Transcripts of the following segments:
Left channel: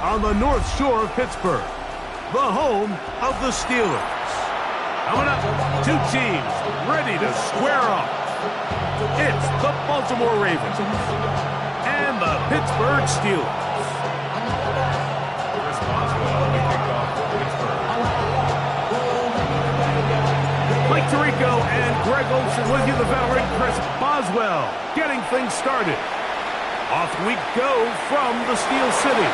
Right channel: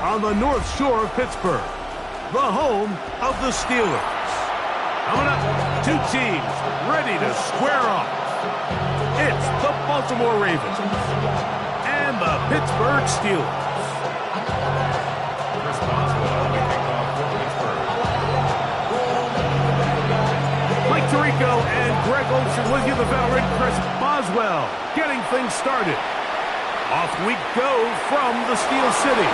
on the North Shore of Pittsburgh, the home of the Steelers. Coming up, two teams ready to square off. It's the Baltimore Ravens and the Pittsburgh Steelers. Chris Boswell on the kickoff for Pittsburgh. Mike Tirico and Greg Olsen with you, the veteran Chris Boswell, getting things started. Off we go from the Steel City.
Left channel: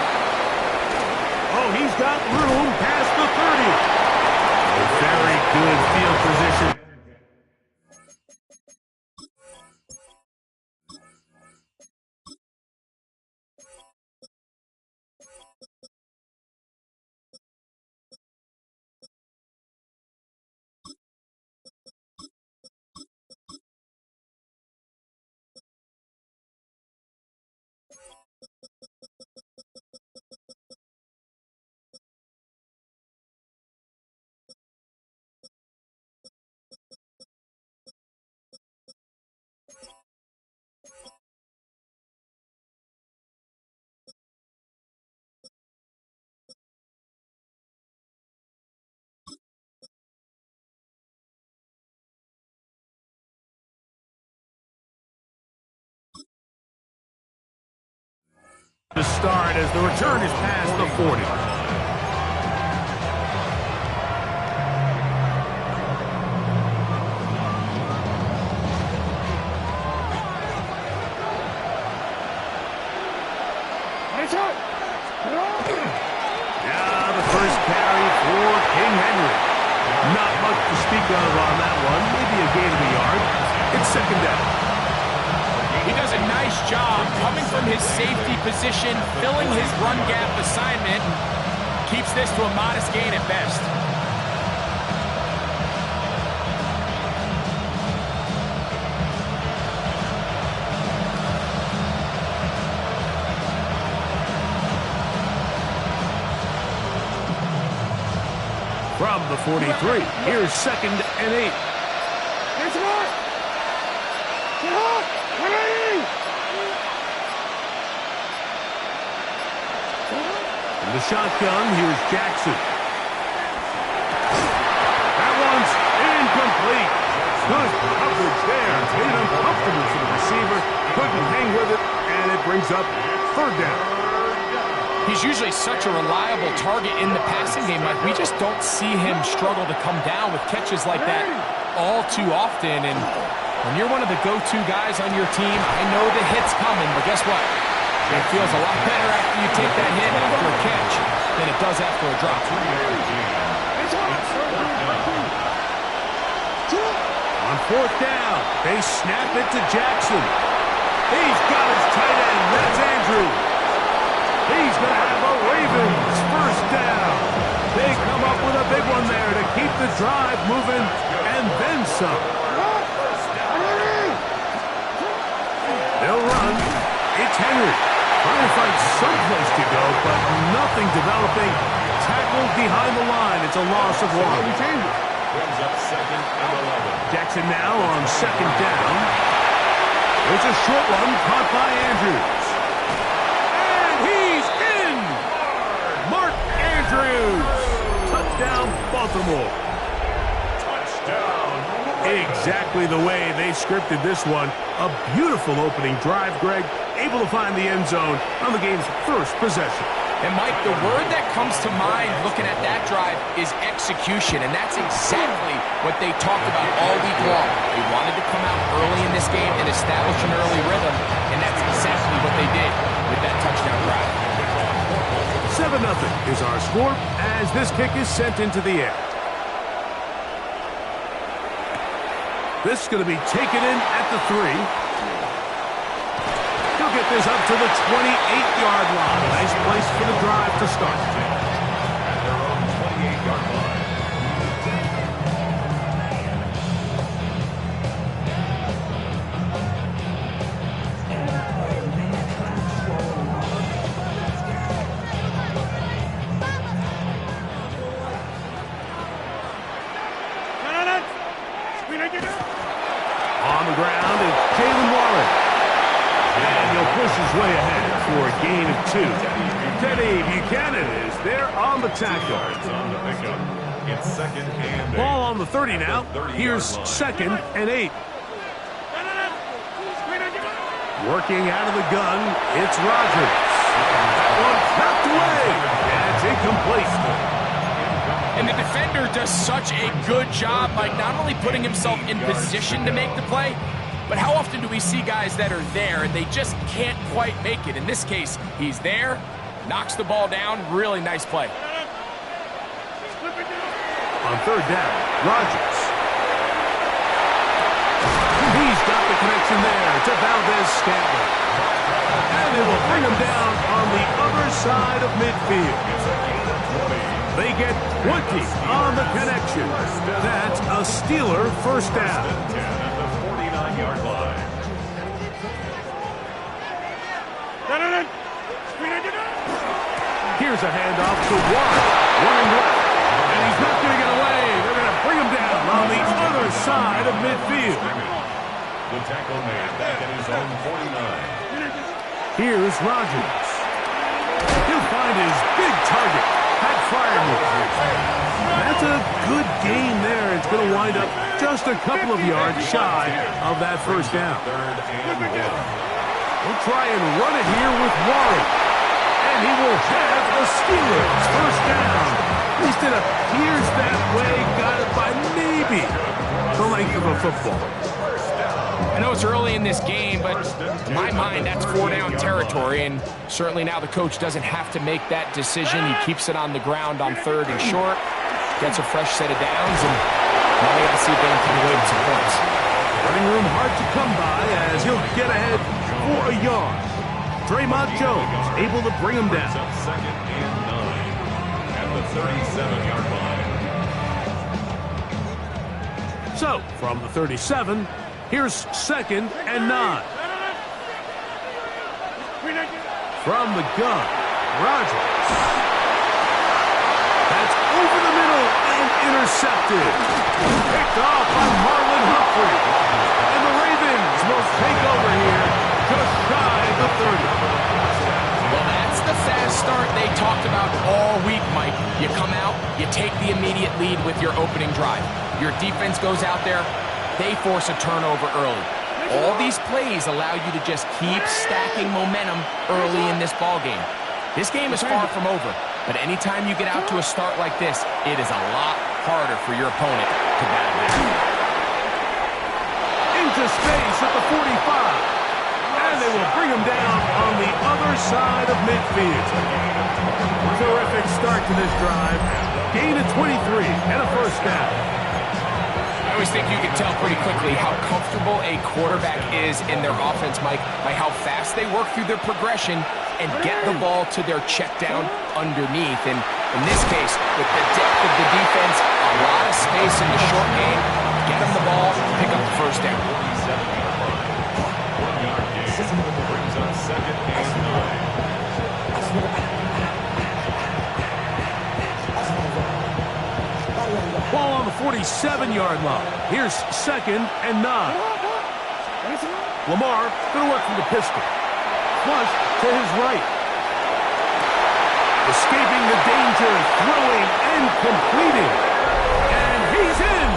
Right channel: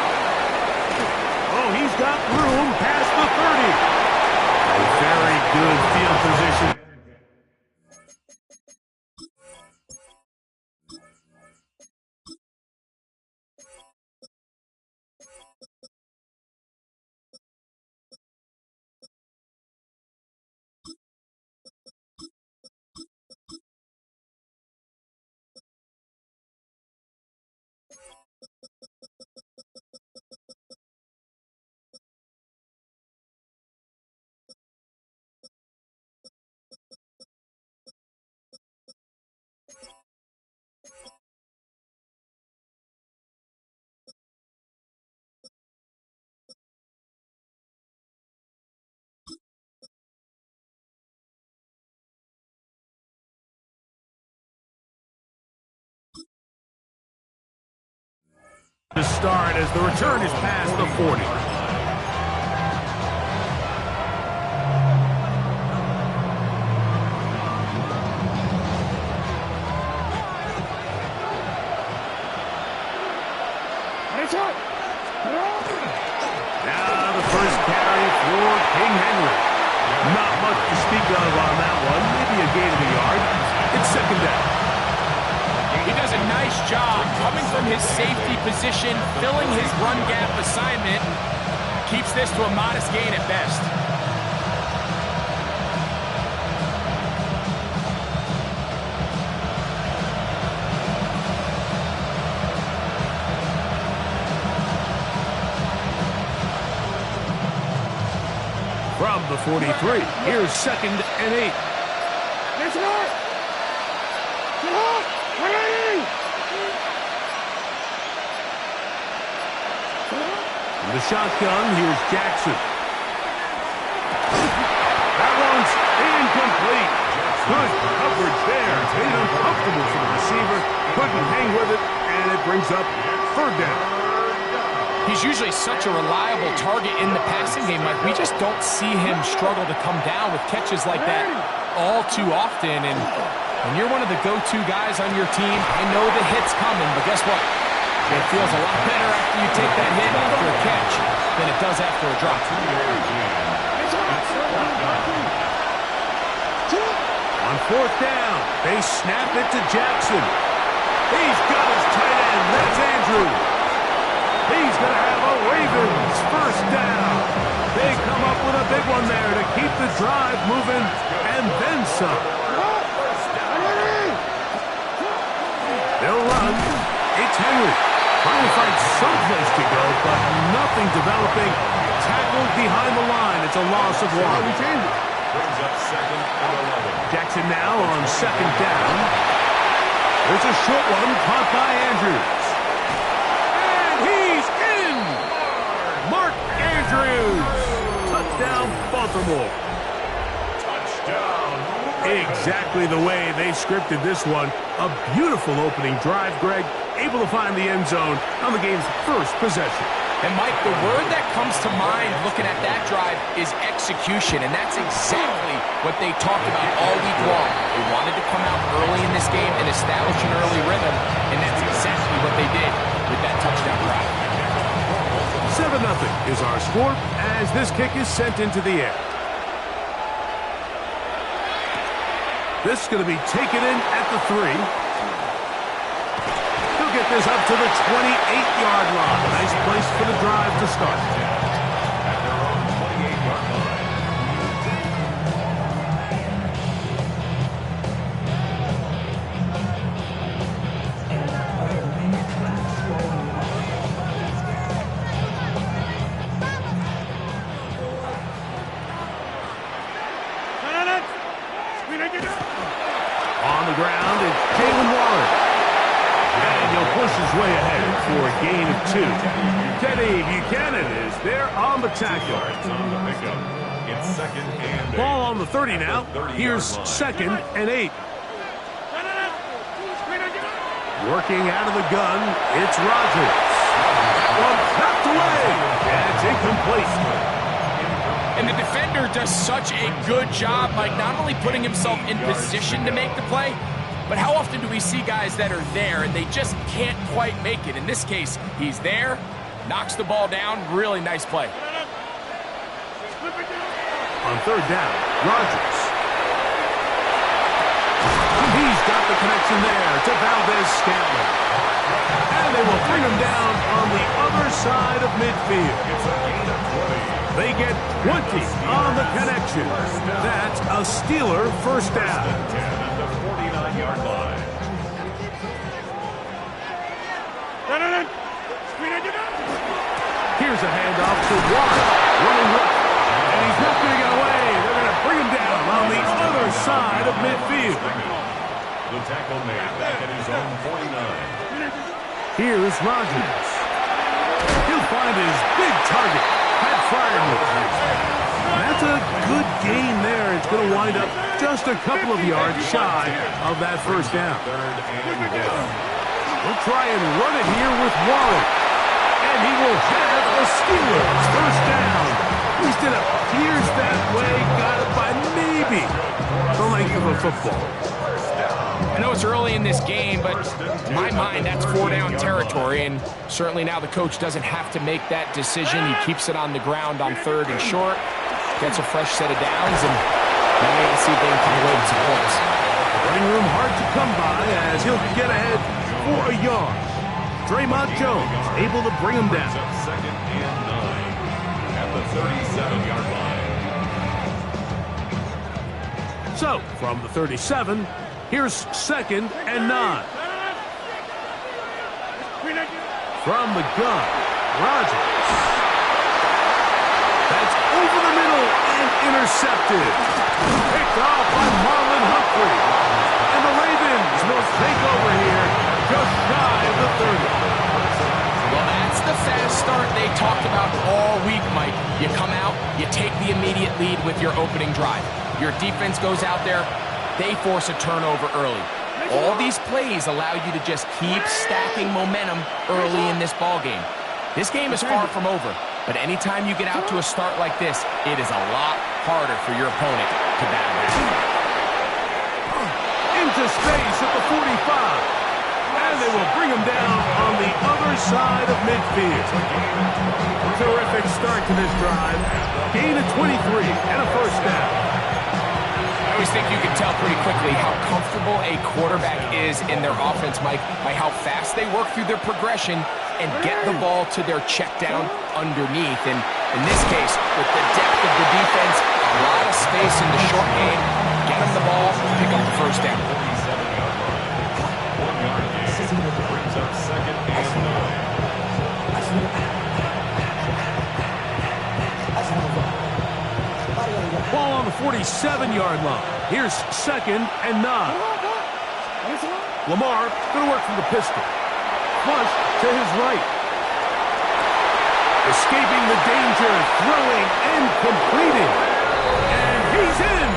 Oh, he's got room past the 30. A very good field position. To start as the return is past the 40. Now the first carry for King Henry. Not much to speak of on that one. Maybe a gain of a yard. It's second down. He does a nice job coming from his safety position, filling his run gap assignment, and keeps this to a modest gain at best. From the 43, here's 2nd and 8. In the shotgun, here's Jackson. That one's incomplete. Good coverage there. Made it uncomfortable for the receiver. Couldn't hang with it, and it brings up third down. He's usually such a reliable target in the passing game. Like, we just don't see him struggle to come down with catches like that all too often. And when you're one of the go-to guys on your team, I know the hit's coming, but guess what? It feels a lot better after you take that hit after a catch than it does after a drop. On 4th down, they snap it to Jackson. He's got his tight end. That's Andrew. He's going to have a Ravens first down. They come up with a big one there to keep the drive moving and then some. They'll run. It's Henry. Trying to find someplace to go, but nothing developing. Tackled behind the line. It's a loss of 1. Brings up 2nd and 11. Jackson now on 2nd down. There's a short one caught by Andrews. And he's in! Mark Andrews! Touchdown, Baltimore. Touchdown. Exactly the way they scripted this one. A beautiful opening drive, Greg. Able to find the end zone on the game's first possession. And, Mike, the word that comes to mind looking at that drive is execution, and that's exactly what they talked about all week long. They wanted to come out early in this game and establish an early rhythm, and that's exactly what they did with that touchdown drive. 7-0 is our score as this kick is sent into the air. This is going to be taken in at the 3. He'll get this up to the 28-yard line. Nice place for the drive to start. At their own 28-yard line. On the ground, it's Jalen Warren. And he'll push his way ahead. for a gain of 2. Teddy Buchanan is there on the tackle. Yards on the pickup. It's second and 8. Ball on the 30 now. Here's second and 8. Working out of the gun, it's Rodgers. That one knocked away. That's incomplete. And the defender does such a good job, Mike, not only putting himself in position to make the play, but how often do we see guys that are there and they just can't quite make it? In this case, he's there, knocks the ball down. Really nice play. On third down, Rodgers. He's got the connection there to Valdez-Scantling. And they will bring him down on the other side of midfield. It's a gain of 20. They get 20 on the connection. That's a Steeler first down. 10 at the 49-yard line. Here's a handoff to Warren, running left. And he's not going to get away. They're going to bring him down on the other side of midfield. The tackle made back at his own 49. Here's Rodgers. He'll find his big target. Pat Fryermuth. That's a good gain there. It's going to wind up just a couple of yards shy of that first down. Third and 1. He'll try and run it here with Warren. And he will have the Steelers first down. At least it appears that way. Got it by maybe the length of a football. I know it's early in this game, but in my mind, that's 4-down territory, and certainly now the coach doesn't have to make that decision. He keeps it on the ground on third and short, gets a fresh set of downs, and now they got to see if they can come away with some points. Running room hard to come by as he'll get ahead for a yard. Draymond Jones able to bring him down. Up second and 9 at the 37-yard line. So, from the 37, here's second and 9. From the gun, Rodgers. That's over the middle and intercepted. Picked off by Marlon Humphrey. And the Ravens will take over here just shy of the 30. Well, that's the fast start they talked about all week, Mike. You come out, you take the immediate lead with your opening drive. Your defense goes out there, they force a turnover early. All these plays allow you to just keep stacking momentum early in this ball game. This game is far from over, but anytime you get out to a start like this, it is a lot harder for your opponent to battle back. Into space at the 45. And they will bring him down on the other side of midfield. Terrific start to this drive. Gain of 23 and a first down. I always think you can tell pretty quickly how comfortable a quarterback is in their offense, Mike, by how fast they work through their progression and get the ball to their check down underneath. And in this case, with the depth of the defense, a lot of space in the short game, get them the ball, pick up the first down. 47-yard line. 1-yard gain. Brings up second and 9. Ball on the 47-yard line. Here's second and 9. Lamar going to work from the pistol. Flush to his right. Escaping the danger, throwing and completing. And he's in.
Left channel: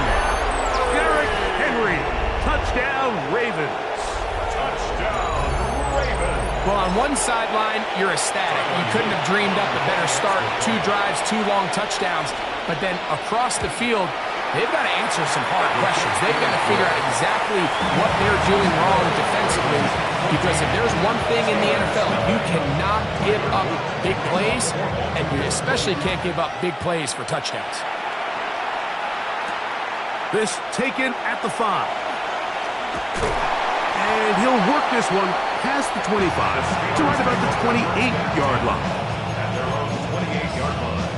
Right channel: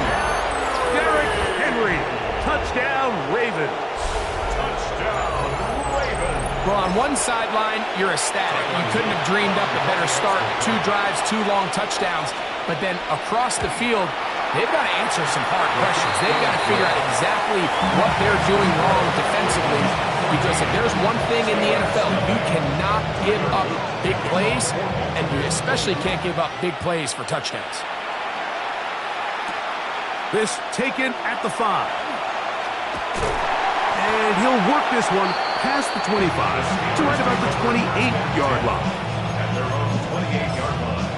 Derrick Henry. Touchdown, Ravens. Touchdown, Ravens. Well, on one sideline, you're ecstatic. You couldn't have dreamed up a better start. 2 drives, 2 long touchdowns. But then across the field, they've got to answer some hard questions. They've got to figure out exactly what they're doing wrong defensively. Because if there's one thing in the NFL, you cannot give up big plays, and you especially can't give up big plays for touchdowns. This taken at the 5. And he'll work this one past the 25 to right about the 28-yard line. At their own 28-yard line.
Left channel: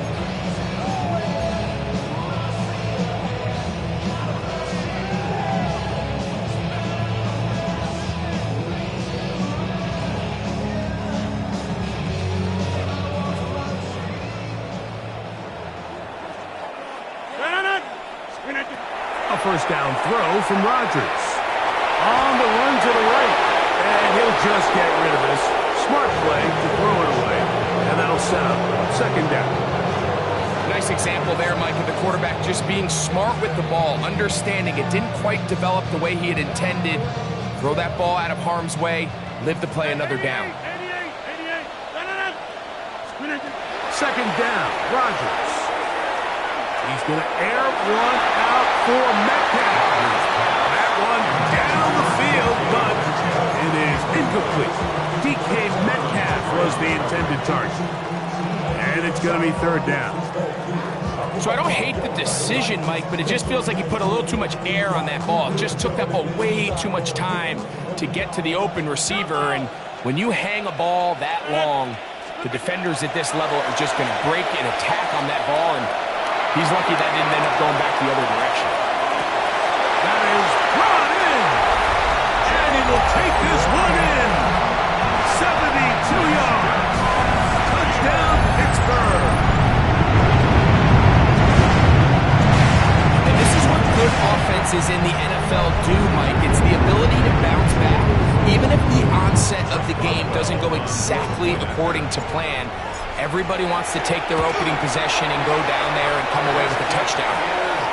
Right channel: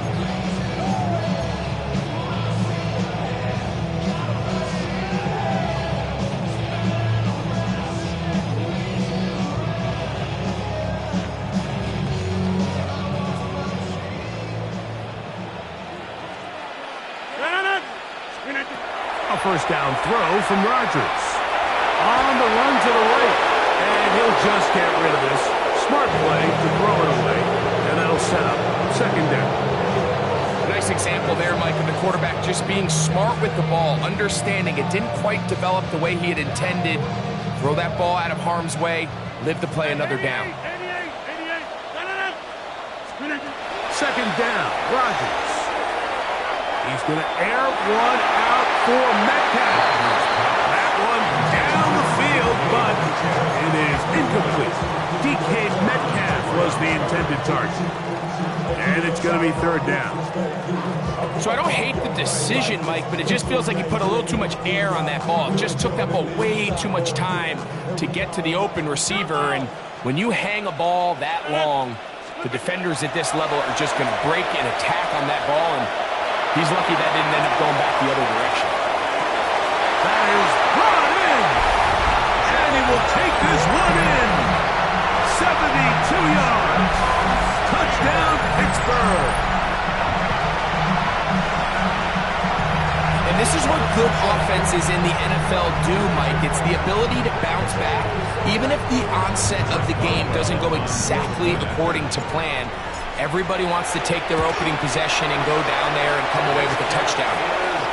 A first down throw from Rodgers. On the run to the right. And he'll just get rid of this. Smart play to throw it away, and that'll set up second down. Nice example there, Mike, of the quarterback just being smart with the ball, understanding it didn't quite develop the way he had intended. Throw that ball out of harm's way, live to play another down. Second down, Rodgers. He's going to air one out for Metcalf. That one down the field, but it is incomplete. DK Metcalf was the intended target. And it's going to be third down. So I don't hate the decision, Mike, but it just feels like he put a little too much air on that ball. It just took that ball way too much time to get to the open receiver. And when you hang a ball that long, the defenders at this level are just going to break and attack on that ball. And he's lucky that didn't end up going back the other direction. That is brought in. And he will take this one in. 72 yards. Touchdown, Pittsburgh. And this is what good offenses in the NFL do, Mike. It's the ability to bounce back. Even if the onset of the game doesn't go exactly according to plan, everybody wants to take their opening possession and go down there and come away with a touchdown.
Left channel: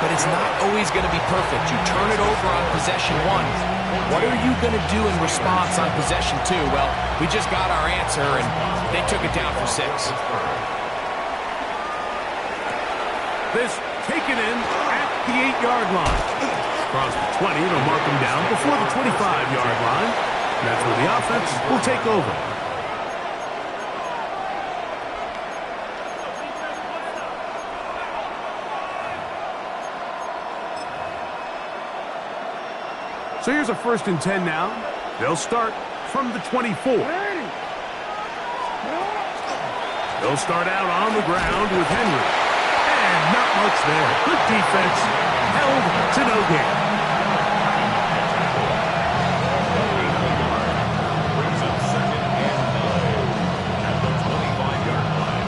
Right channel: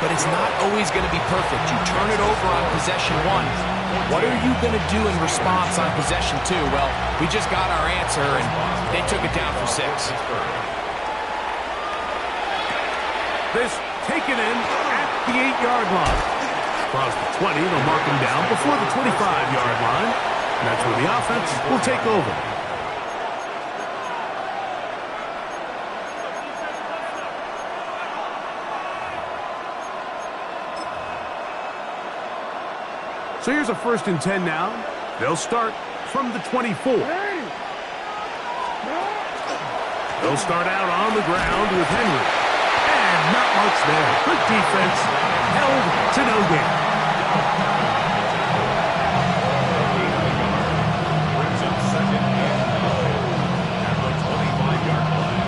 But it's not always going to be perfect. You turn it over on possession one. What are you going to do in response on possession two? Well, we just got our answer, and they took it down for 6. This taken in at the 8-yard line. Across the 20, they'll mark him down before the 25-yard line. And that's where the offense will take over. So here's a 1st and 10 now. They'll start from the 24. They'll start out on the ground with Henry. And not much there. Good defense. Held to no gain. Brings up 2nd and 9 at the 25-yard line.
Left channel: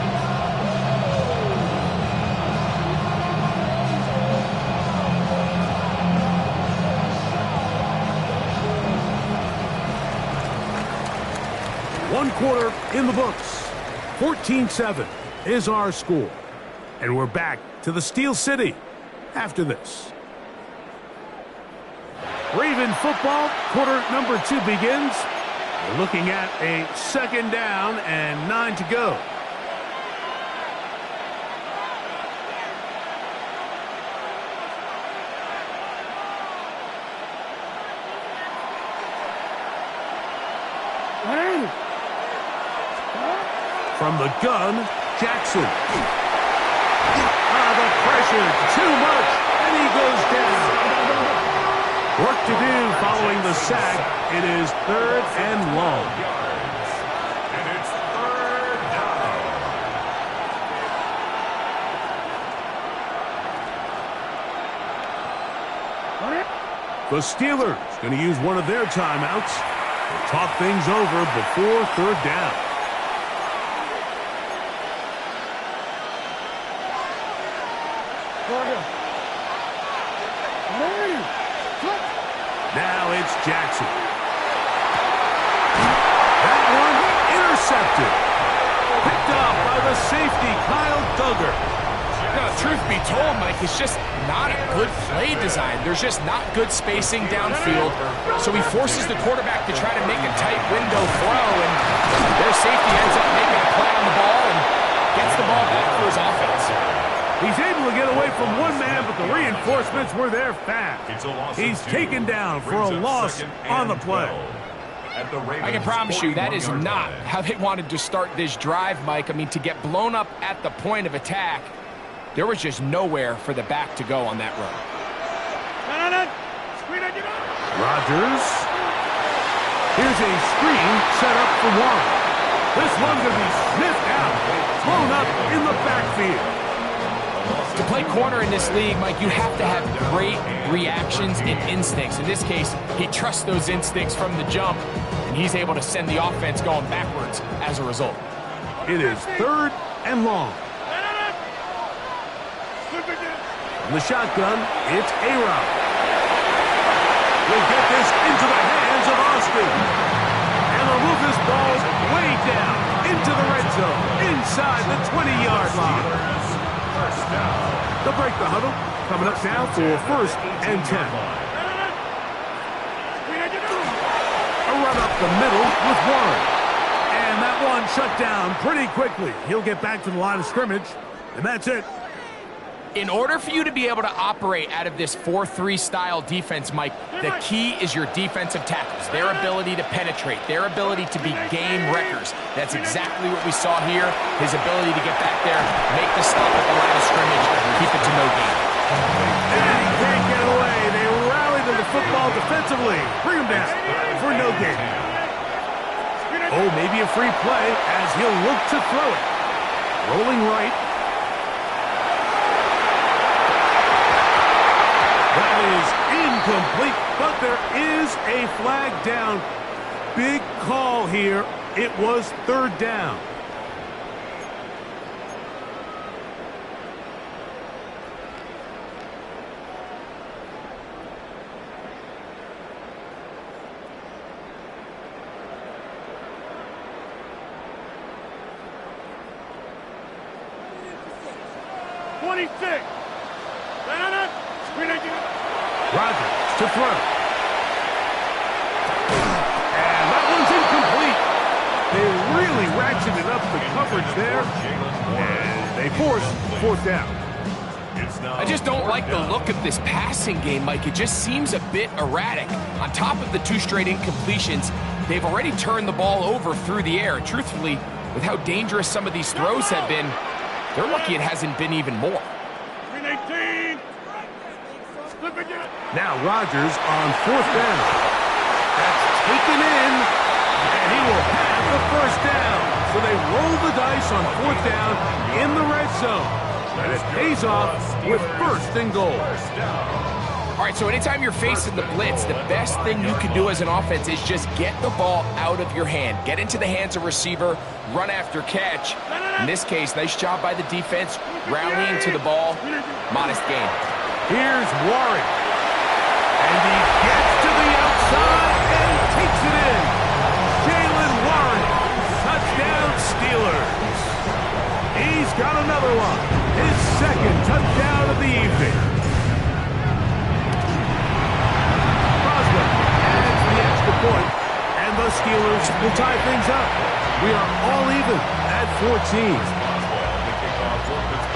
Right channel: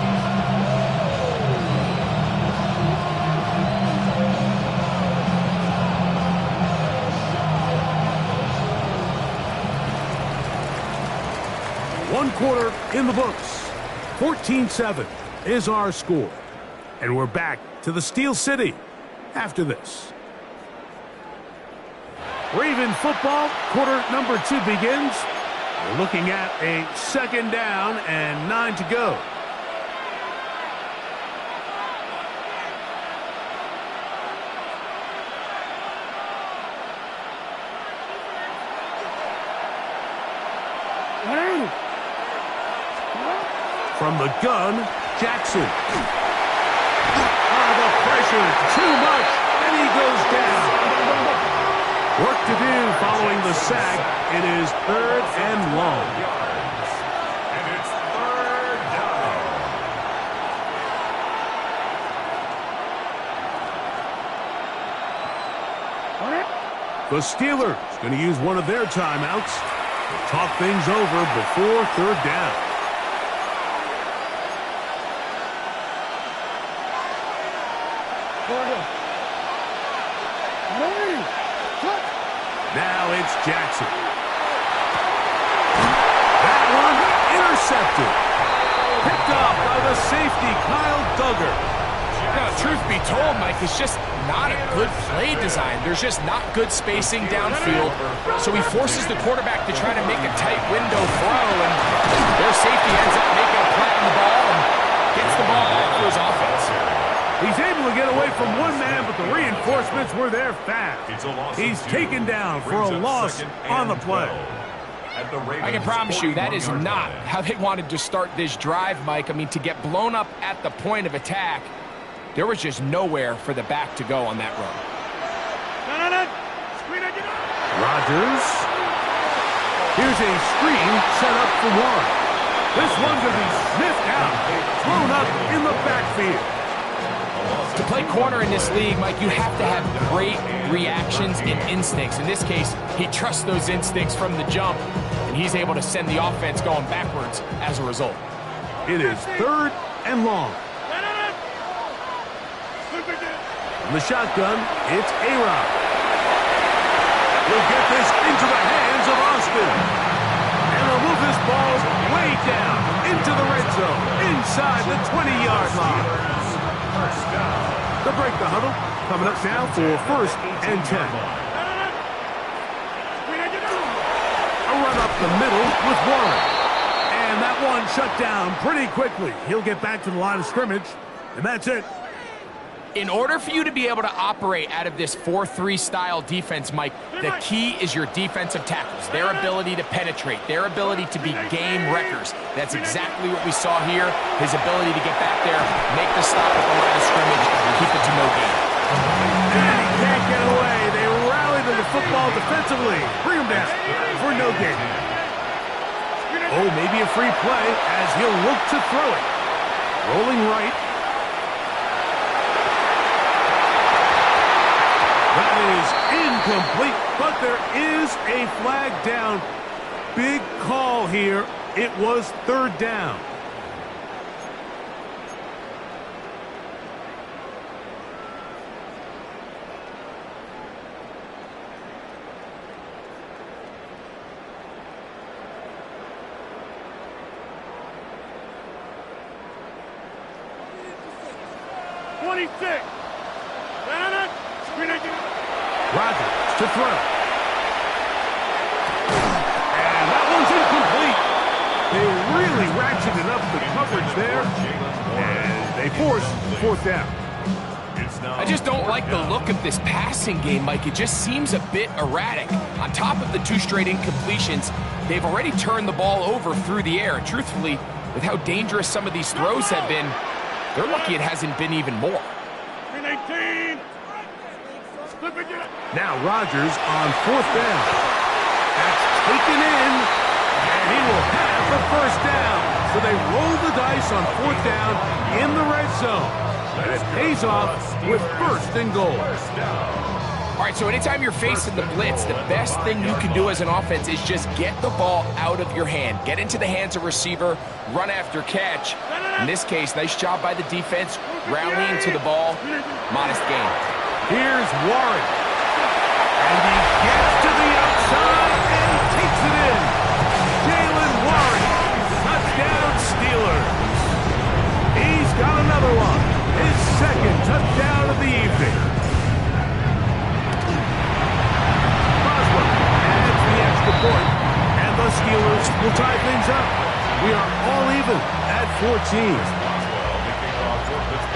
One quarter in the books. 14-7 is our score. And we're back to the Steel City after this. Raven football, quarter number 2 begins. We're looking at a 2nd down and 9 to go. From the gun, Jackson. The pressure, too much, and he goes down. Work to do following the sack. It is 3rd and long. And it's 3rd down. The Steelers going to use one of their timeouts to talk things over before 3rd down. Now it's Jackson. That one intercepted. Picked off by the safety, Kyle Duggar. Now, truth be told, Mike, it's just not a good play design. There's just not good spacing downfield. So he forces the quarterback to try to make a tight window throw, and their safety ends up making a play on the ball and gets the ball back for his offense. He's able to get away from one man, but the reinforcements were there fast. He's taken down for a loss on the play. I can promise you that is not how they wanted to start this drive, Mike. I mean, to get blown up at the point of attack, there was just nowhere for the back to go on that run. Rodgers. Here's a screen set up for one. This one's going to be sniffed out, thrown up in the backfield. To play corner in this league, Mike, you have to have great reactions and instincts. In this case, he trusts those instincts from the jump, and he's able to send the offense going backwards as a result. It is 3rd and long. From the shotgun, it's A-Rod. He'll get this into the hands of Austin. And they'll move this ball way down into the red zone, inside the 20-yard line. First down. They'll break the huddle, coming up now for first and 10. A run up the middle with Warren. And that one shut down pretty quickly. He'll get back to the line of scrimmage, and that's it. In order for you to be able to operate out of this 4-3 style defense, Mike, the key is your defensive tackles, their ability to penetrate, their ability to be game wreckers. That's exactly what we saw here, his ability to get back there, make the stop at the line of scrimmage, keep it to no gain. And he can't get away. They rally to the football defensively. Bring him down for no gain. Oh, maybe a free play as he'll look to throw it. Rolling right. That is incomplete, but there is a flag down. Big call here. It was third down. Rodgers to throw. And that one's incomplete. They really ratcheted up the coverage there, and they force fourth down. I just don't like the look of this passing game, Mike. It just seems a bit erratic. On top of the 2 straight incompletions, they've already turned the ball over through the air. And truthfully, with how dangerous some of these throws have been, they're lucky it hasn't been even more. Now Rodgers on fourth down. That's taken in, and he will have the first down. So they roll the dice on fourth down in the red zone. And it pays off with first and goal. All right, so anytime you're facing the blitz, the best thing you can do as an offense is just get the ball out of your hand. Get into the hands of receiver, run after catch. In this case, nice job by the defense, rallying to the ball. Modest gain. Here's Warren. And he gets to the outside and takes it in. Jalen Warren. Touchdown Steelers. He's got another one. His second touchdown of the evening. Boswell adds the extra point, and the Steelers will tie things up. We are all even at 14.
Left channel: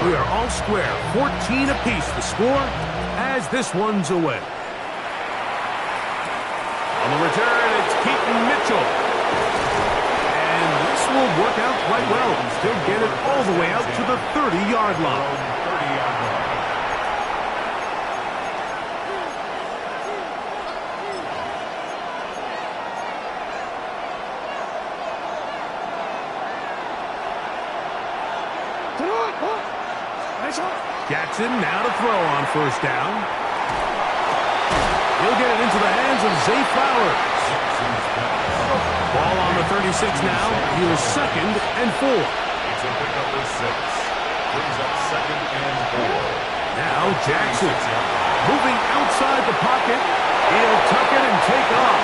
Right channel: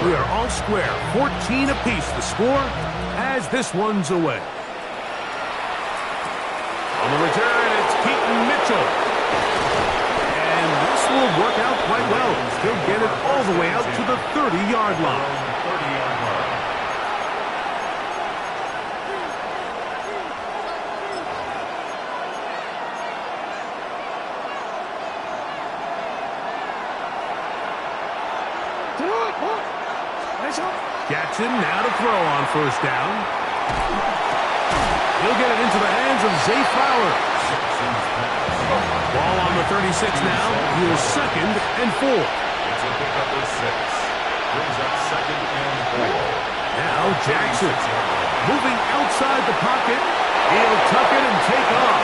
We are all square, 14 apiece the score as this one's away. On the return, it's Keaton Mitchell. And this will work out quite well. He'll get it all the way out to the 30-yard line. Jackson now to throw on first down. He'll get it into the hands of Zay Flowers. Ball on the 36 now. Here's second and 4. It's a pickup of 6. Brings up second and 4. Now Jackson moving outside the pocket. He'll tuck it and take off.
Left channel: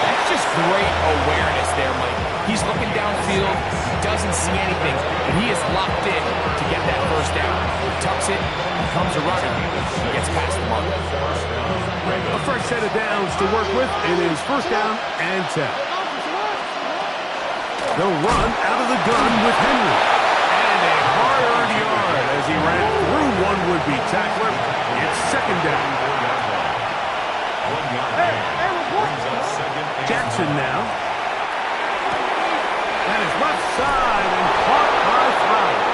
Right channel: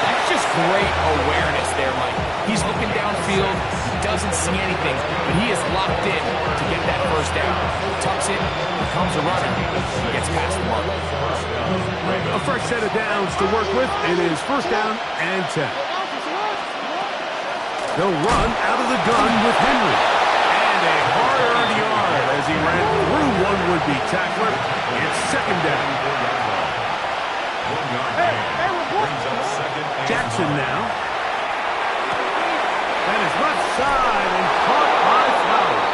That's just great awareness there, Mike. He's looking downfield. He doesn't see anything, but he is locked in to get that first down. He tucks it, becomes a runner, gets past the mark. A fresh set of downs to work with. It is first down and 10. They'll run out of the gun with Henry. And a hard-earned yard as he ran through one would-be tackler. It's second down. 1 yard gain. Brings up second and Jackson now. That is left side and caught by Flowers.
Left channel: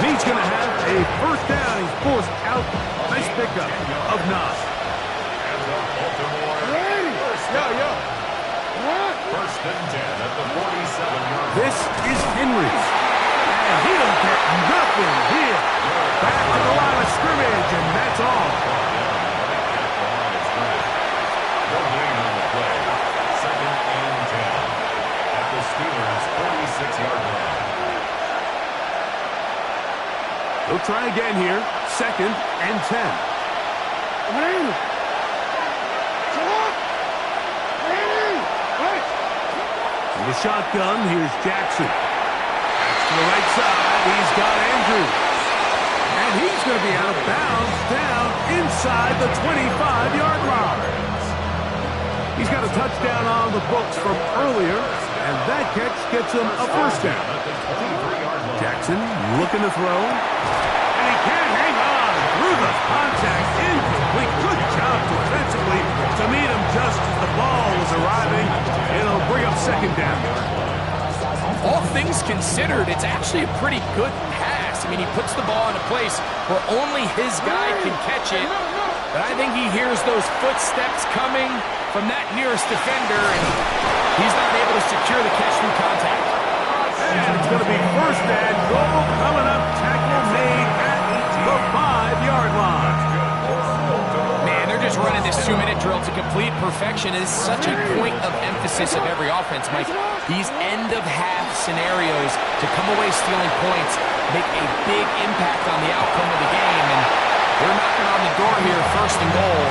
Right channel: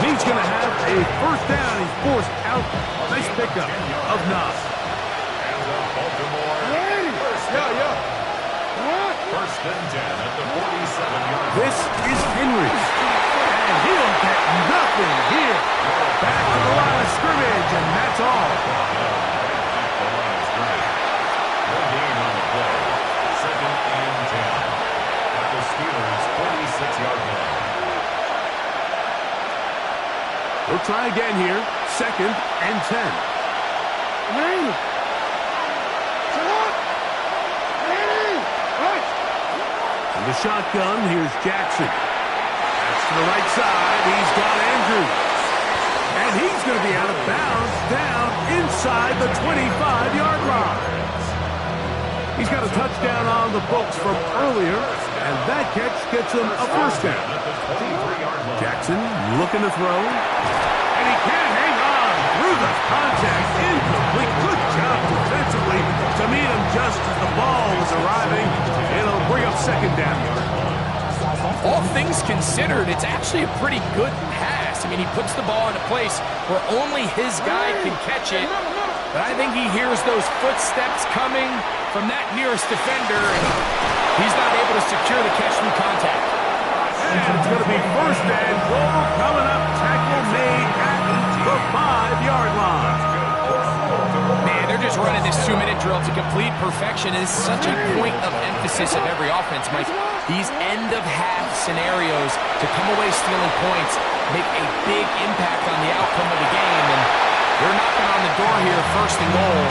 He's going to have a first down. He's forced out. Nice pickup of 9. And the Baltimore first down. First and 10 at the 47-yard line. This is Henry. And he'll get nothing here. Back to the line of scrimmage, and that's all. No gain on the play. Second and 10 at the Steelers' 46-yard line. They'll try again here. Second and 10. the shotgun, here's Jackson. That's to the right side. He's got Andrews. And he's going to be out of bounds down inside the 25-yard line. He's got a touchdown on the books from earlier, and that catch gets him a first down. Jackson looking to throw, and he can't hang on through the contact. Incomplete. Good job defensively to meet him just as the ball was arriving. It'll bring up second down. All things considered, it's actually a pretty good pass. I mean, he puts the ball in a place where only his guy can catch it. But I think he hears those footsteps coming from that nearest defender, and he's not able to secure the catch through contact. And it's going to be first and goal coming up. Tackle made at the 5-yard line. Man, they're just running this 2-minute drill to complete perfection. It is such a point of emphasis of every offense, Mike. These end-of-half scenarios to come away stealing points make a big impact on the outcome of the game, and they're knocking on the door here, first and goal.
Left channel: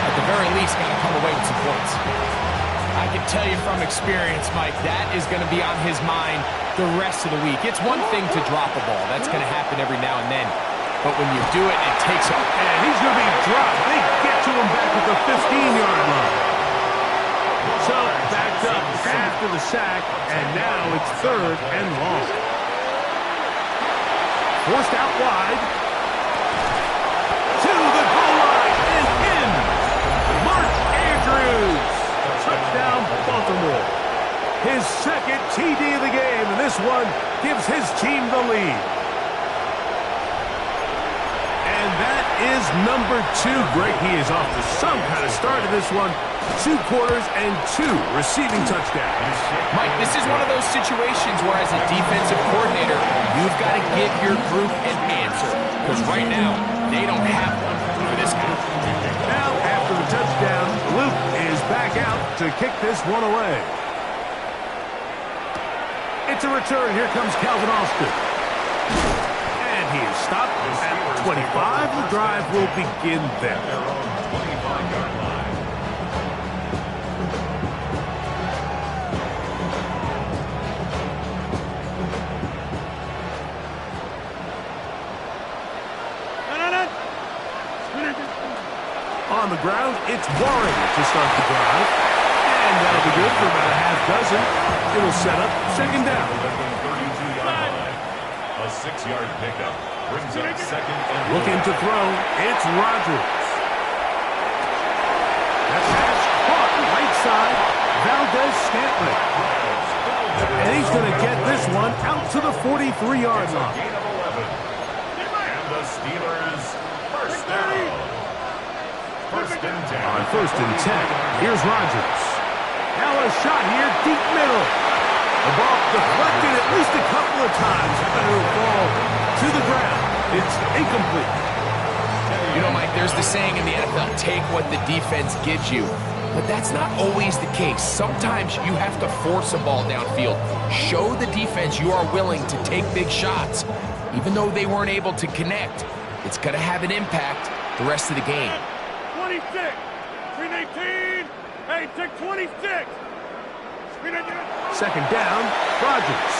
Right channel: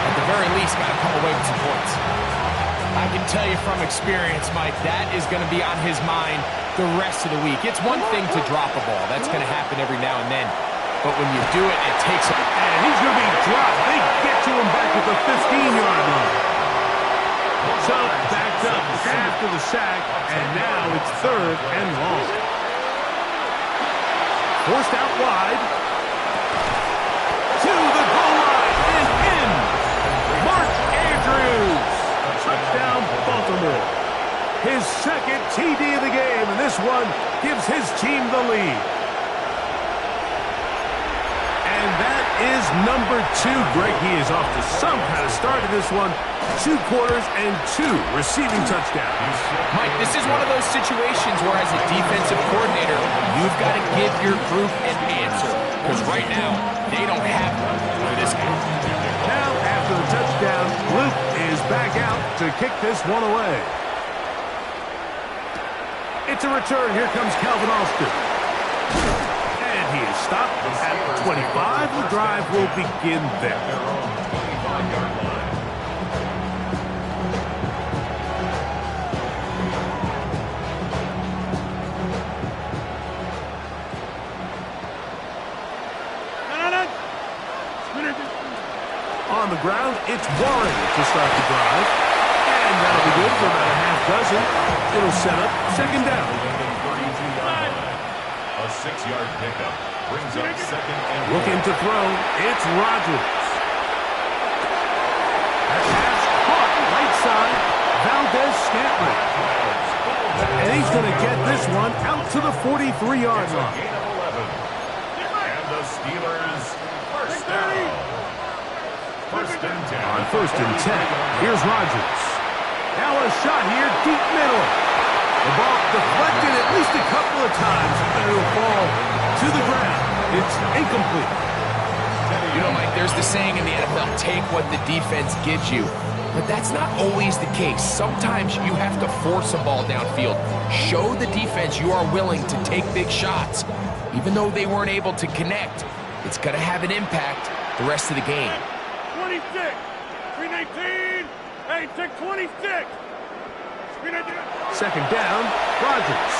At the very least, got to come away with some points. I can tell you from experience, Mike, that is going to be on his mind the rest of the week. It's one thing to drop a ball. That's going to happen every now and then. But when you do it, it takes him. And he's going to be dropped. They get to him back at the 15-yard line. So backed up after the sack, and now it's third and long. Forced out wide. To the goal line and in. Mark Andrews. Touchdown, Baltimore. His second TD of the game, and this one gives his team the lead. And that is number 2. Greg, he is off to some kind of start in this one. 2 quarters and 2 receiving touchdowns. Mike, this is one of those situations where as a defensive coordinator, you've got to give your group an answer. Because right now, they don't have one for this guy. Now, after the touchdown, Luke is back out to kick this one away. It's a return. Here comes Calvin Austin. And he is stopped at 25. The drive will begin there. Their own 25-yard line. On the ground, it's Warren to start the drive. And that'll be good for about a half dozen. It'll set up second down. 32-yard line. A 6-yard pickup brings up second and Looking to throw. It's Rodgers. That pass caught right side. Valdez-Scantling. And he's going to get this one out to the 43-yard line. Gain of 11. And the Steelers first down. First and 10. On first and 10, here's Rodgers. Now a shot here, deep middle. The ball deflected at least a couple of times, but it'll fall to the ground. It's incomplete. You know, Mike, there's the saying in the NFL, take what the defense gives you. But that's not always the case. Sometimes you have to force a ball downfield. Show the defense you are willing to take big shots. Even though they weren't able to connect, it's going to have an impact the rest of the game. 26, 319, hey, take 26. 319. Second down, Rodgers.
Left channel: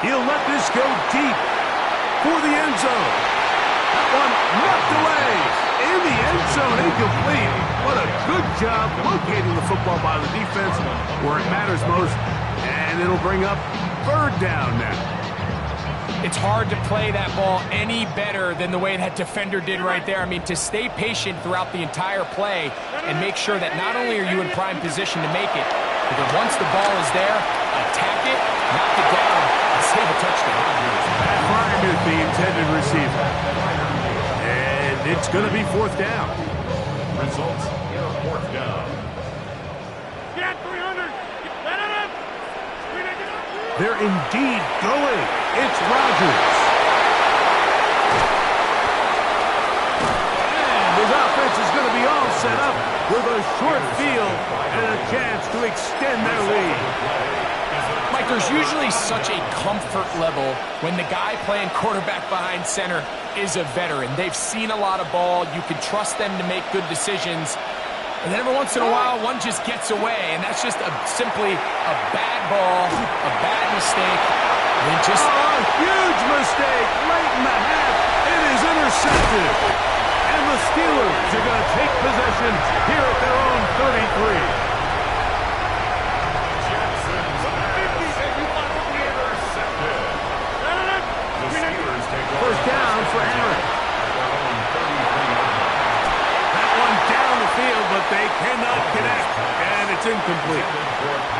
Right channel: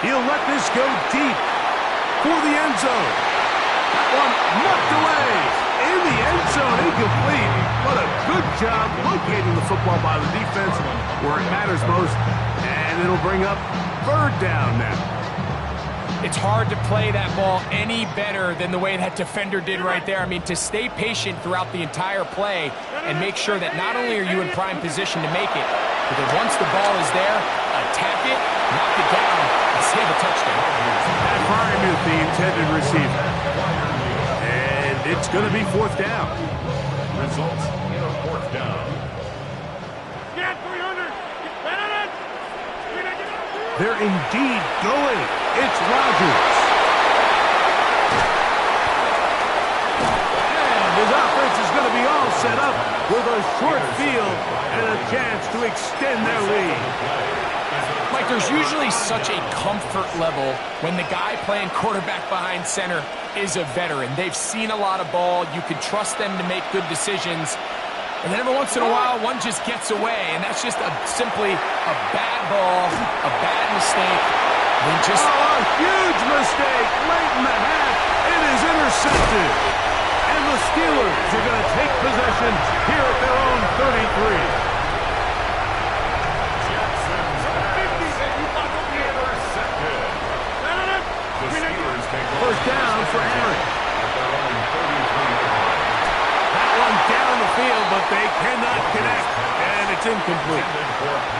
He'll let this go deep for the end zone. That one knocked away in the end zone, incomplete. What a good job locating the football by the defense where it matters most. And it'll bring up third down now. It's hard to play that ball any better than the way that defender did right there. I mean, to stay patient throughout the entire play and make sure that not only are you in prime position to make it, but that once the ball is there, attack it, knock it down, and save a touchdown. Pat Freiermuth, the intended receiver. And it's going to be fourth down. Results in a fourth down. Get 300. Get it. They're indeed going. It's Rodgers. And his offense is going to be all set up with a short field and a chance to extend their lead. Mike, there's usually such a comfort level when the guy playing quarterback behind center is a veteran. They've seen a lot of ball. You can trust them to make good decisions. And then every once in a while, one just gets away, and that's just simply a bad ball, a bad mistake. And just a huge mistake late in the half. It is intercepted. And the Steelers are going to take possession here at their own 33. Jackson's pass intercepted. The Steelers take over First down for Aaron. At their own 33-yard line. That one down the field, but they cannot connect, and it's incomplete.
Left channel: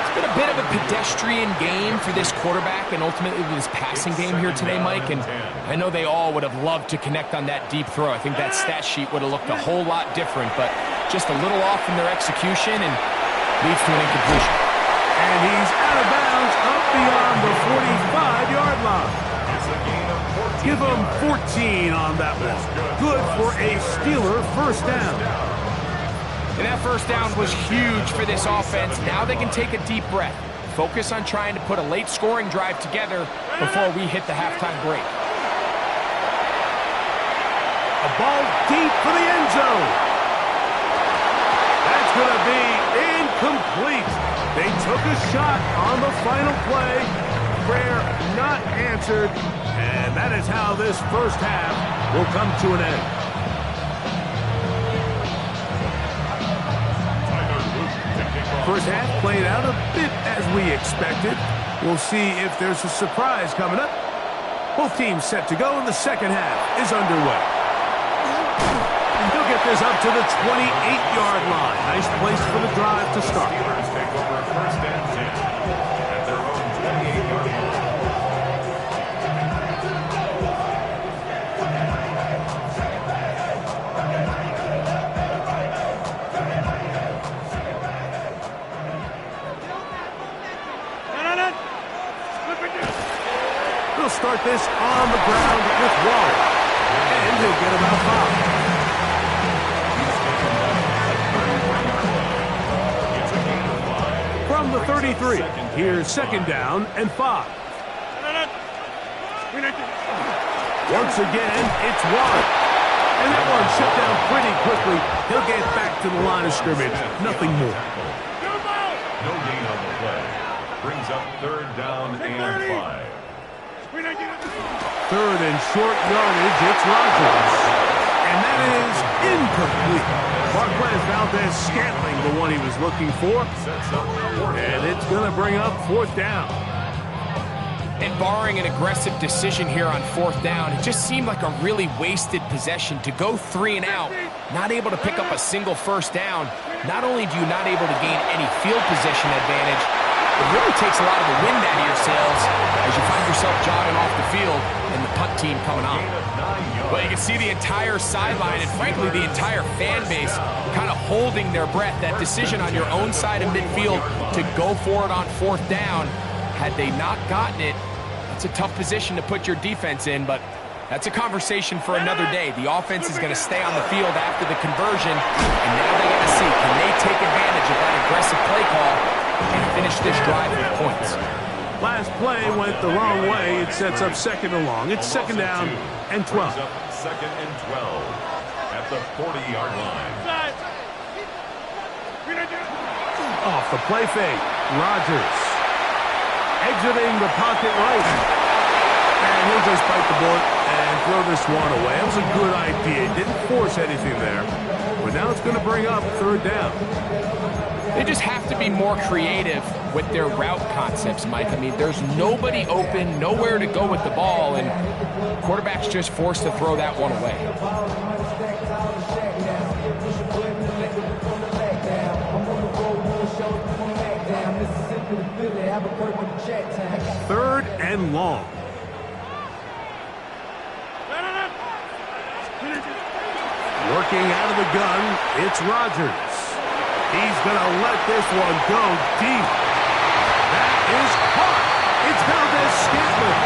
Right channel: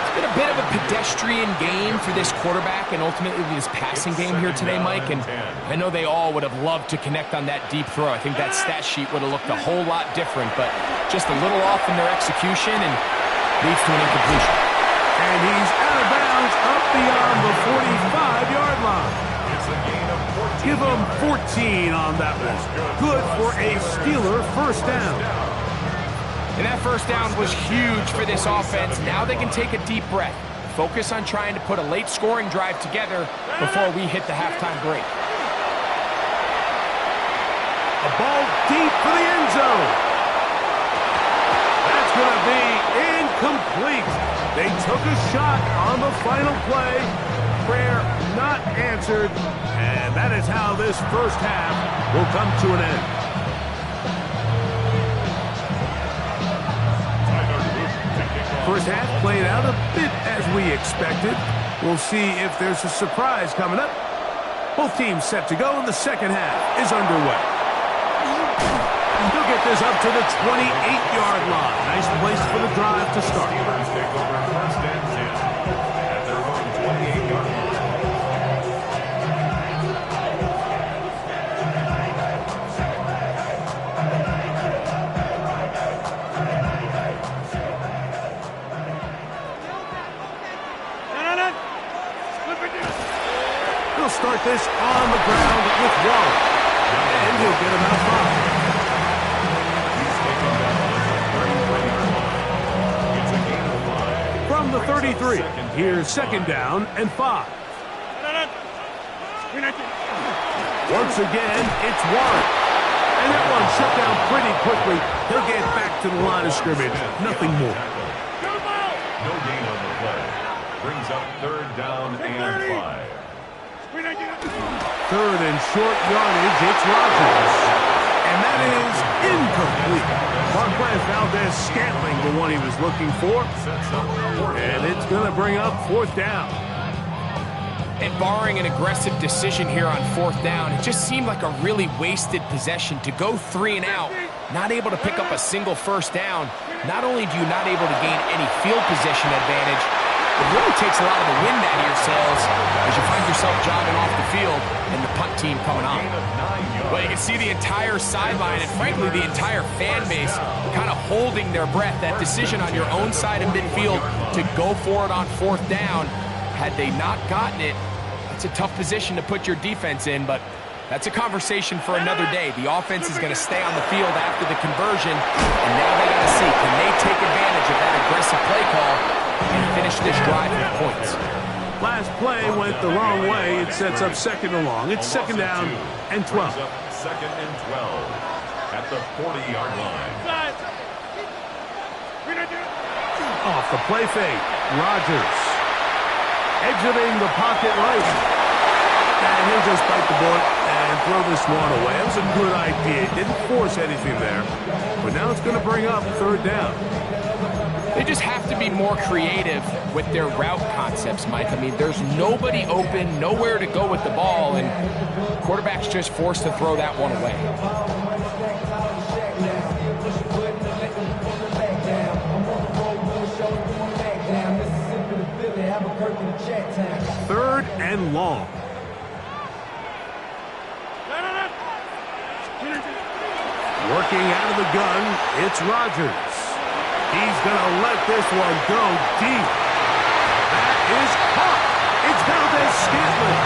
It's been a bit of a pedestrian game for this quarterback and ultimately this passing game here today, Mike. And I know they all would have loved to connect on that deep throw. I think that stat sheet would have looked a whole lot different, but just a little off in their execution and leads to an incompletion. And he's out of bounds up beyond the 45-yard line. It's a gain of 14 Give them yards. 14 on that one. Good for a Steeler first down. And that first down was huge for this offense. Now they can take a deep breath. Focus on trying to put a late scoring drive together before we hit the halftime break. A ball deep for the end zone. That's going to be incomplete. They took a shot on the final play. Prayer not answered. And that is how this first half will come to an end. First half played out a bit as we expected. We'll see if there's a surprise coming up. Both teams set to go, and the second half is underway. He'll get this up to the 28-yard line. Nice place for the drive to start. Steelers take over first and 10 at their own 28-yard line. He'll start this on the ground with Waller. And he'll get about 5. He's taken down at the 33-yard line. It's a gain of 5. From the 33, here's second down and 5. Once again, it's Warren. And that one shut down pretty quickly. He'll get back to the line of scrimmage. Nothing more. No gain on the play. Brings up third down and 5. Third and short yardage, it's Rodgers. And that is incomplete. Marquez Valdez-Scantling, the one he was looking for. And it's going to bring up fourth down. And barring an aggressive decision here on fourth down, it just seemed like a really wasted possession to go 3 and out, not able to pick up a single first down. Not only do you not able to gain any field position advantage, it really takes a lot of the wind out of your sails as you find yourself jogging off the field and the punt team coming on. Well, you can see the entire sideline and, frankly, the entire fan base kind of holding their breath. That decision on your own side of midfield to go for it on fourth down, had they not gotten it, that's a tough position to put your defense in, but that's a conversation for another day. The offense is going to stay on the field after the conversion, and now they got to see, can they take advantage of that aggressive play call and finish this drive with points? Last play went the wrong way. It sets up second and long. It's second down and 12. Second and 12 at the 40-yard line. Off the play fake, Rodgers exiting the pocket right. And he'll just bite the bullet and throw this one away. It was a good idea. He didn't force anything there. But now it's going to bring up third down. They just have to be more creative with their route concepts, Mike. I mean, there's nobody open, nowhere to go with the ball, and quarterback's just forced to throw that one away. Third and long. Working out of the gun, it's Rodgers. He's going to let this one go deep. That is caught. It's Valdez-Scantling.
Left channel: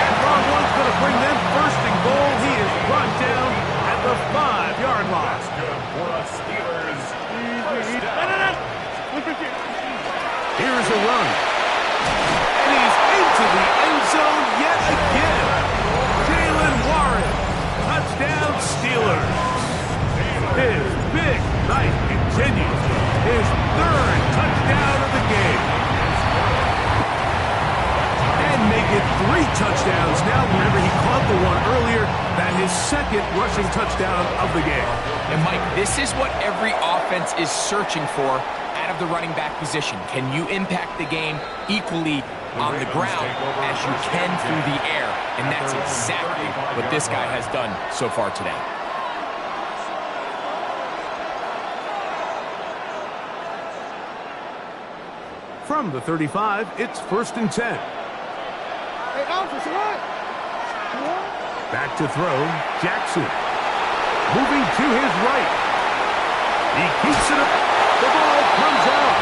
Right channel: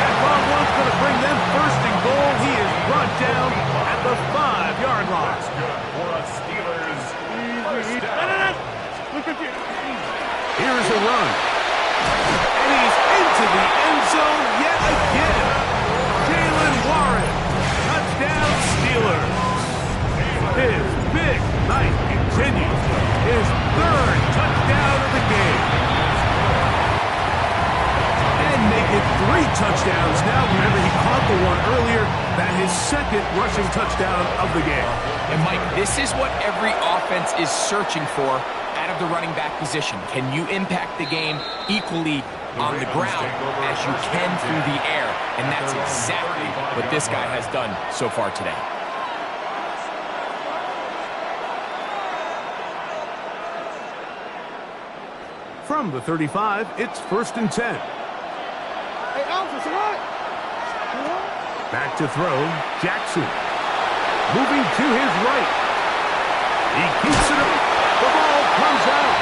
That long one's going to bring them first and goal. He is brought down at the 5-yard line. That's good for a Steelers first down. Here's a run. And he's into the end zone yet again. Jaylen Warren. Touchdown Steelers. His big night continues. 3 touchdowns now. Remember, he caught the one earlier. That his second rushing touchdown of the game. And, Mike, this is what every offense is searching for out of the running back position. Can you impact the game equally on the ground as you can through the air? And that's exactly what this guy has done so far today. From the 35, it's 1st and 10. Hey, officer, what? Back to throw, Jackson. Moving to his right. He keeps it up. The ball comes out.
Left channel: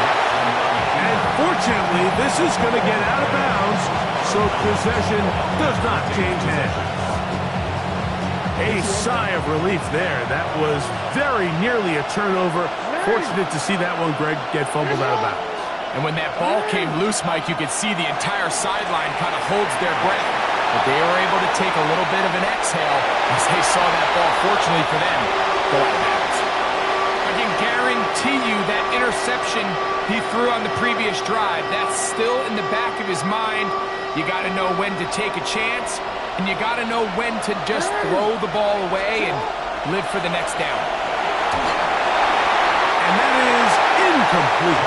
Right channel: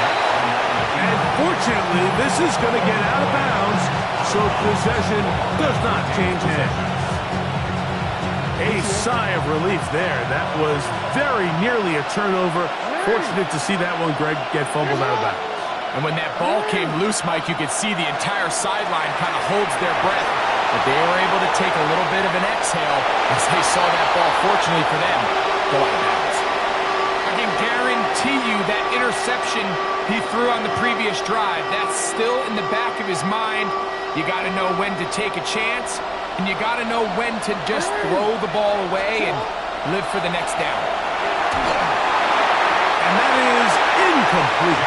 And fortunately, this is going to get out of bounds, so possession does not change hands. A sigh of relief there. That was very nearly a turnover. Fortunate to see that one, Greg, get fumbled out of bounds. And when that ball came loose, Mike, you could see the entire sideline kind of holds their breath. But they were able to take a little bit of an exhale as they saw that ball, fortunately for them, go out of bounds. I can guarantee you that interception he threw on the previous drive, that's still in the back of his mind. You got to know when to take a chance, and you got to know when to just throw the ball away and live for the next down. And that is incomplete.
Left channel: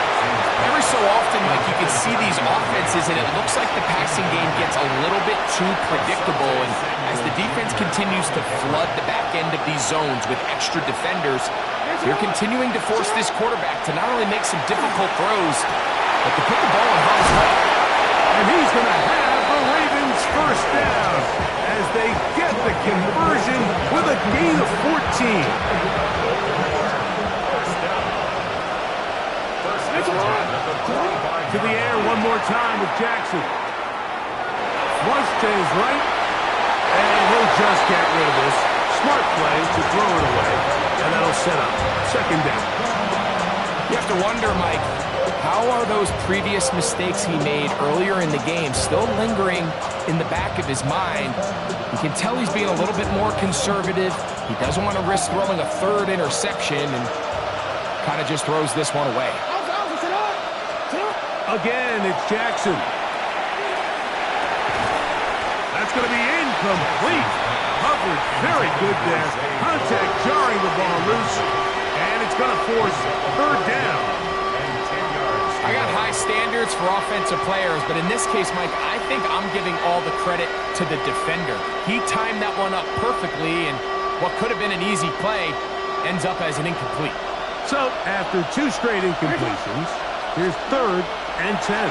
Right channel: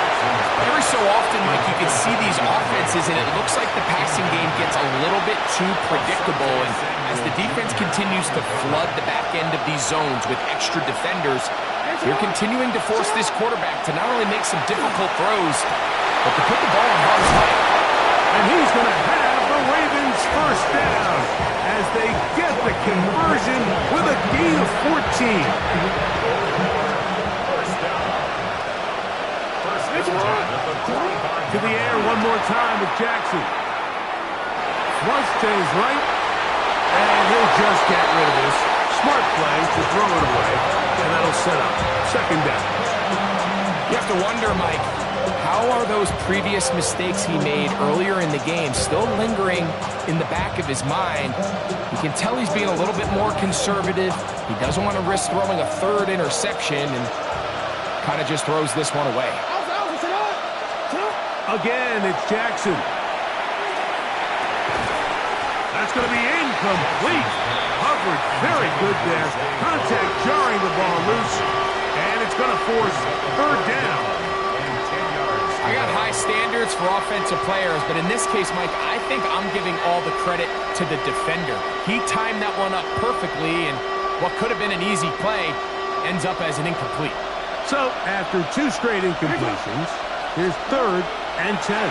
Every so often, Mike, you can see these offenses, and it looks like the passing game gets a little bit too predictable. And as the defense continues to flood the back end of these zones with extra defenders, you're continuing to force this quarterback to not only make some difficult throws, but to put the ball in harm's way. And he's going to have the Ravens first down as they get the conversion with a gain of 14. To the air one more time with Jackson. Flush to his right, and he'll just get rid of this. Smart play to throw it away, and that'll set up 2nd down. You have to wonder, Mike, how are those previous mistakes he made earlier in the game still lingering in the back of his mind? You can tell he's being a little bit more conservative. He doesn't want to risk throwing a 3rd interception and kind of just throws this one away. Again, it's Jackson. That's going to be incomplete. Coverage very good there. Contact jarring the ball loose. And it's going to force 3rd down. I got high standards for offensive players, but in this case, Mike, I think I'm giving all the credit to the defender. He timed that one up perfectly, and what could have been an easy play ends up as an incomplete. So, after 2 straight incompletions, here's 3rd and 10.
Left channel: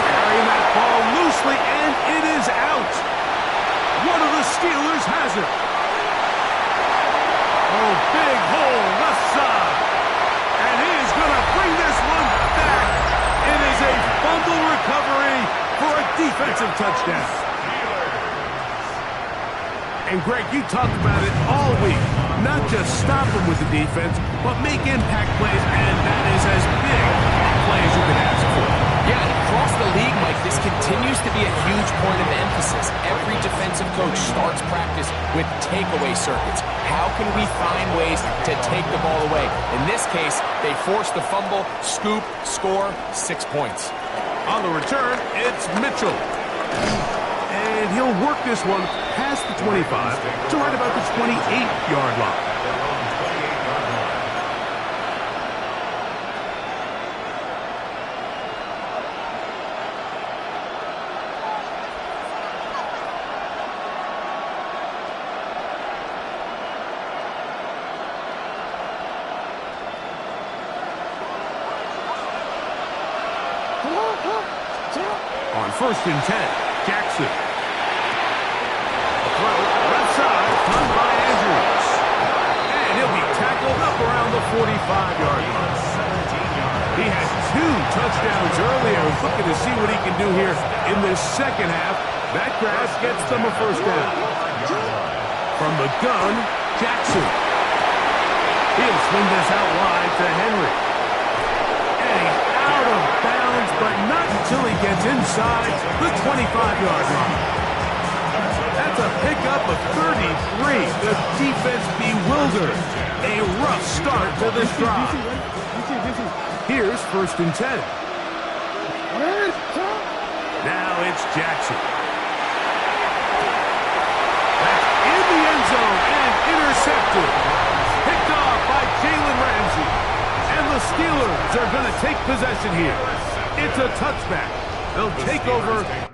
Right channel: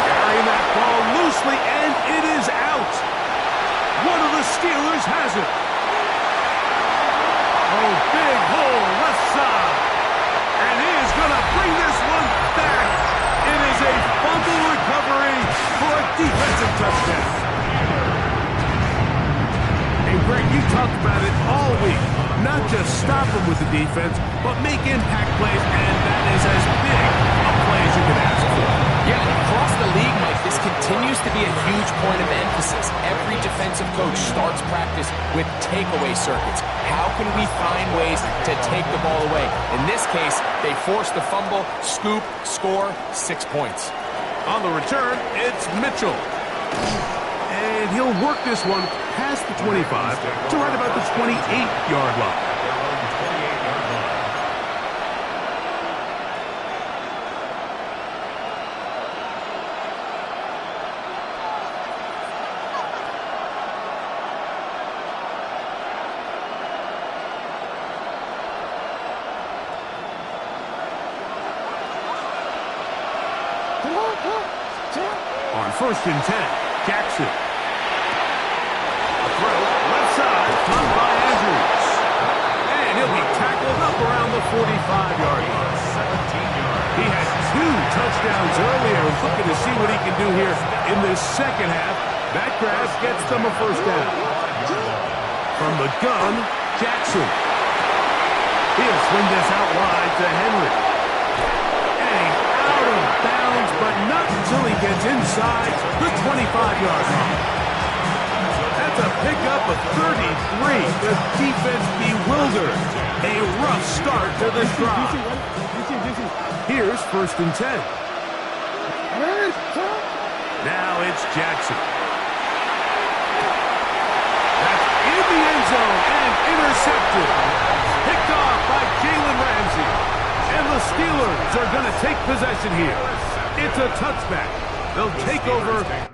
Carrying that ball loosely, and it is out. One of the Steelers has it. Oh, big hole left side. And he is going to bring this one back. It is a fumble recovery for a defensive touchdown. And, Greg, you talked about it all week. Not just stop them with the defense, but make impact plays, and that is as big a play as you can ask for. Yeah, and across the league, Mike, this continues to be a huge point of emphasis. Every defensive coach starts practice with takeaway circuits. How can we find ways to take the ball away? In this case, they force the fumble, scoop, score, 6 points. On the return, it's Mitchell. And he'll work this one past the 25 to right about the 28-yard line. On 1st and 10, Jackson. A throw, left side, caught by Andrews. And he'll be tackled up around the 45-yard line. 17 yards. He had 2 touchdowns earlier, looking to see what he can do here in this second half. That grab gets them a first down. From the gun, Jackson. He'll swing this out wide to Henry. And he's out of bounds, but not until he gets inside the 25-yard line. That's a pickup of 33. The defense bewildered. A rough start to this drive. Here's 1st and 10. Now it's Jackson. That's in the end zone and intercepted. Picked off by Jalen Ramsey. And the Steelers are going to take possession here. It's a touchback. They'll take over. Yeah.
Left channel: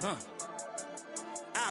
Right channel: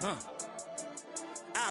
Huh.